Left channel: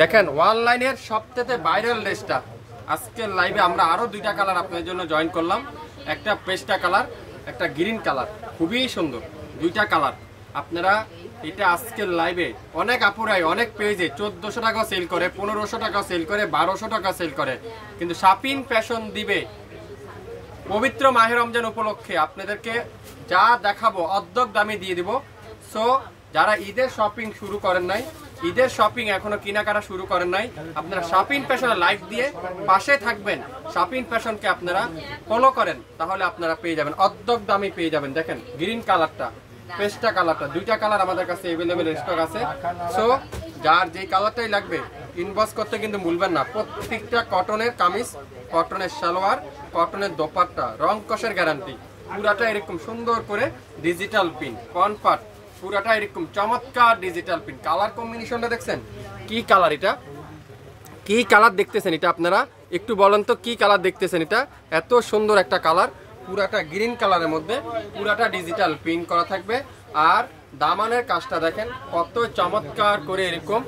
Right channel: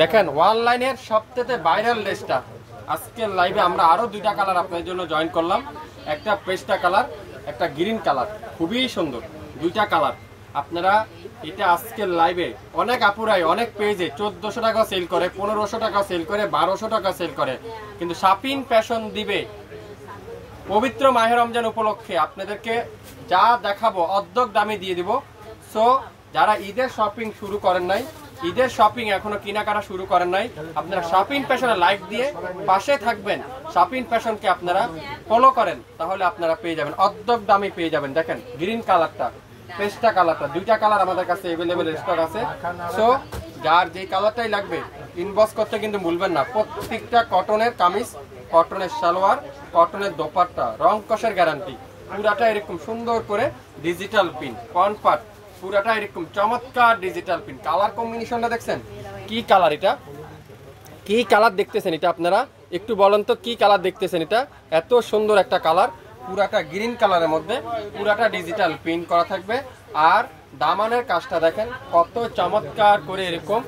দেখেন অনলাইনের সবথেকে ভাইরাল ড্রেসটা আজকের লাইভে আমরা আরো দুইটা কালার আপনাদের জন্য জয়েন করলাম। একটা পেস্টা কালার, একটা গ্রিন কালার, খুবই সুন্দর দুইটা কালার। আপনারা এটা আজকের লাইভে অনেক আপুরাই অনেক পেজে 1400 টাকা সেল করে, 1500 টাকা সেল করে, 1200 টাকা সেল করে, কিন্তু শাপিন ফ্যাশন দিবে পবিত্র মাহে রমজান উপলক্ষে আপনাদেরকে যা দেখাবো অর্ধেক দামে দিয়ে দিব। সো যারা ঈদের শপিং শুরু করেন নাই, ঈদের শপিং এখনো কেনাকাটা শুরু করেন নাই, আপনারা শাপিন ফ্যাশনে লাইক দিয়ে পাশে থাকবেন, শাপিন ফ্যাশনকে আপনারা ফলো করেন, তাহলে আপনারা পেয়ে যাবেন অর্ধেক দামে পেয়ে যাবেন। দেখেন গ্রিন কালারটা, পেস্টা কালারটা, দুইটা কালার আমাদের কাছে अवेलेबल স্টক আছে। সো যার যে কালারটাই লাগবে ইনবক্স করতে কিন্তু ভুলবেন না। প্রত্যেকটা কটনের কামিজ, কটনের সালোয়ার, কটনের দোপাট্টা, রং কষের গ্যারান্টি, পুরাটা এরকম সুন্দর করে ডিজিটাল প্রিন্ট কনফার্ট, পুরাটা এরকম চমৎকার ডিজিটাল প্রিন্ট। কালার কম্বিনেশনটা দেখছেন কি কালার, এটা কি কালার দেখতেছেন, এটা আপনারা একটু বলেন তো কি কালার দেখতেছেন। এটা এত সুন্দর একটা কালার, পুরাটা গ্রিন কালারের মধ্যে পুরাটা ডিজিটাল প্রিন্ট করা থাকবে। আর দামানের কাজটা দেখেন কত চমৎকার করে, এরকম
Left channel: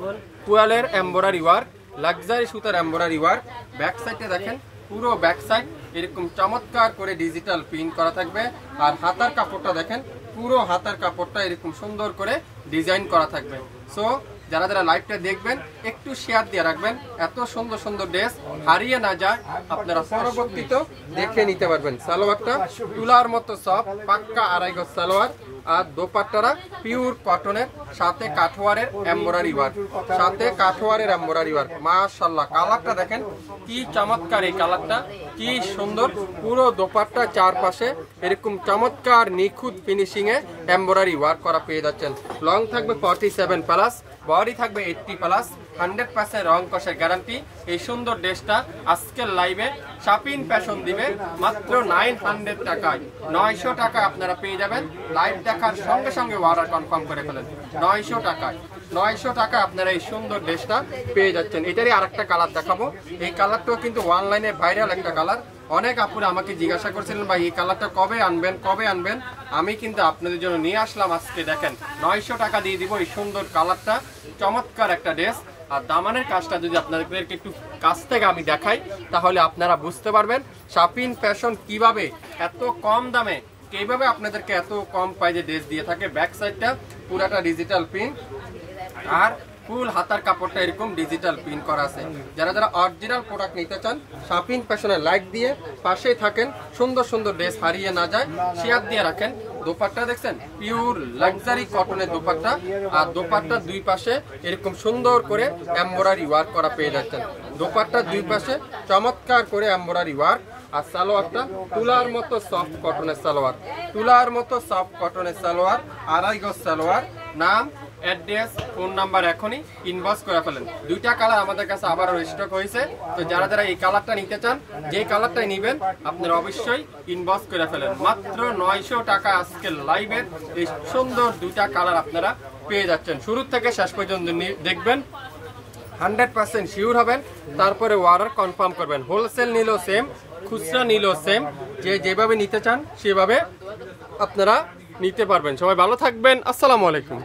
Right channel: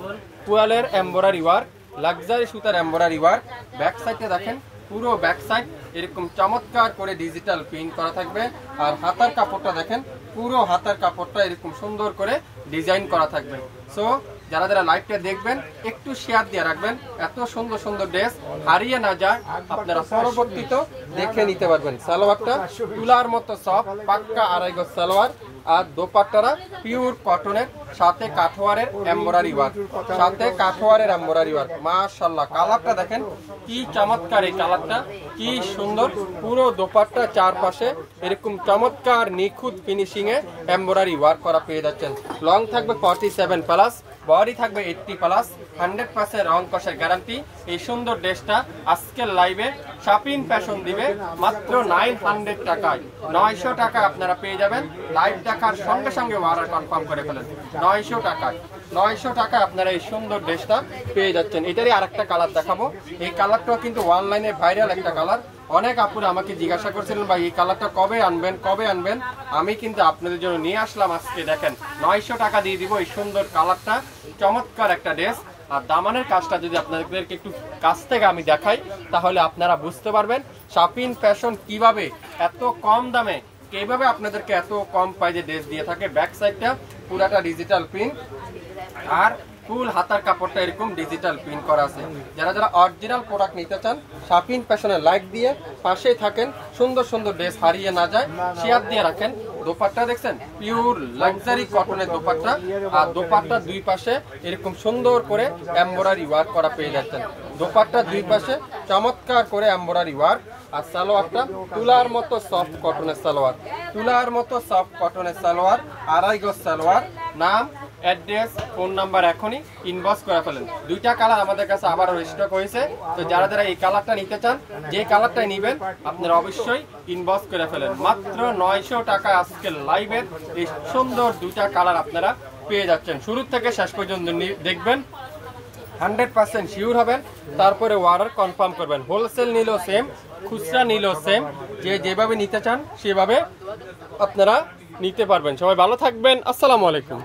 কোয়ালের এমব্রয়ডারি ওয়ার্ক, লাক্সারি সুতার এমব্রয়ডারি ওয়ার্ক। ব্যাক সাইডে দেখেন পুরো ব্যাক সাইড এরকম চমৎকার করে ডিজিটাল প্রিন্ট করা থাকবে। আর হাতার কাপড়টা দেখেন, পুরো হাতার কাপড়টা এরকম সুন্দর করে ডিজাইন করা থাকবে। সো যারা যারা লাইভটা দেখবেন একটু শেয়ার দিয়ে রাখবেন, এত সুন্দর সুন্দর ড্রেস হারিয়ে না যায়, আপনারা পরবর্তীতে দেখে নিতে পারবেন। সালোয়ারটা তুলার মতো সফট, পাক্কা আড়াই গজ সালোয়ার। আর দোপাট্টারা পিওর কটনের, সাথে কাঠোয়ারের এমব্রয়ডারি ওয়ার্ক, সাথে কাঠোয়ারের এমব্রয়ডারি ওয়ার্ক। মাশাআল্লাহ কালারটা দেখেন কি চমৎকার, এই কালারটা কি সুন্দর। পুরো দোপাট্টা চারপাশে এরকম চমৎকার নিখুঁত ফিনিশিং এ এমব্রয়ডারি ওয়ার্ক করা পেয়ে যাচ্ছেন। লং থাকবে 47 প্লাস, বডি থাকবে 80 প্লাস, 100% রং কষের গ্যারান্টি। এই সুন্দর ড্রেসটা আজকের লাইভে শাপিন ফ্যাশন দিবে মাত্র 900 টাকায়। 900 টাকা আপনারা পেয়ে যাবেন। লাইভ দেখার সঙ্গে সঙ্গে অর্ডার কনফার্ম করে ফেলেন। 900 টাকায়, 900 টাকা আপনারা এই সুন্দর ড্রেসটা পেয়ে যাচ্ছেন। এটারই আরেকটা কালার দেখাবো। এই কালারটাও কিন্তু অনলাইনে ভাইরাল একটা কালার। অনেক আপুরা আমাকে জিজ্ঞাসা করছিলেন ভাই এই কালারটা কবে আনবেন, কবে আনবেন। আমি কিন্তু আপনাদের জন্য নিয়ে আসলাম আজকে। দেখেন 900 টাকা দিয়ে দিব এই সুন্দর কালারটা, চমৎকার একটা ড্রেস। আর দামানের কাজটা যদি আপনাদেরকে একটু কাছ থেকে আমি দেখাই, তাহলে আপনারা বুঝতে পারবেন শাপিন ফ্যাশন কিভাবে এত কম দামে, কিভাবে আপনাদেরকে এত কম প্রাইজে ড্রেস দিয়ে থাকে। ব্যাক সাইডটা পুরাটা ডিজিটাল প্রিন্ট, আর ফুল হাতার কাপড়টা এরকম ডিজিটাল প্রিন্ট করা আছে। যারা যারা অরিজিনাল প্রোডাক্ট নিতে চান শাপিন ফ্যাশনে লাইক দিয়ে পাশেই থাকেন, সুন্দর সুন্দর ড্রেস হারিয়ে না যায়, শেয়ার দিয়ে রাখেন। দোপাট্টা দেখছেন পিওর লাক্সারি কটনের দোপাট্টা, আর দোপাট্টার দুই পাশে এরকম সুন্দর করে এমব্রয়ডারি ওয়ার্ক করা পেয়ে যাচ্ছেন। দোপাট্টার দুই পাশে চমৎকার করে এমব্রয়ডারি ওয়ার্ক। আর সালোয়ারটা তুলার মতো সফট কটনের সালোয়ার, তুলার মতো সফট কটনের সালোয়ার, আড়াই গজ সালোয়ার। নাম, অ্যাড্রেস, ফোন নাম্বার এখনই ইনবক্স করে ফেলেন। দুইটা কালার আমাদের কাছে আবার স্টক হয়েছে। তো যারা যারা এই কালারটা নিতে চান, যে কালারটাই নেবেন আপনারা অবশ্যই ইনবক্স করে ফেলেন। মাত্র 900 টাকা আজকে লাইভের এই সুন্দর দুইটা কালার আপনারা পেয়ে যাচ্ছেন। শুরু থেকে শেষ পর্যন্ত দেখবেন, 100% শিওর হবেন, তারপরে অর্ডার কনফার্ম করবেন। হোলসেল নিলেও সেম, খুচরা নিলেও সেম, যে যেভাবে নিতে চান সেভাবে আপনারা নিতে পারবেন। সবাই ভালো থাকবেন, আসসালামু আলাইকুম।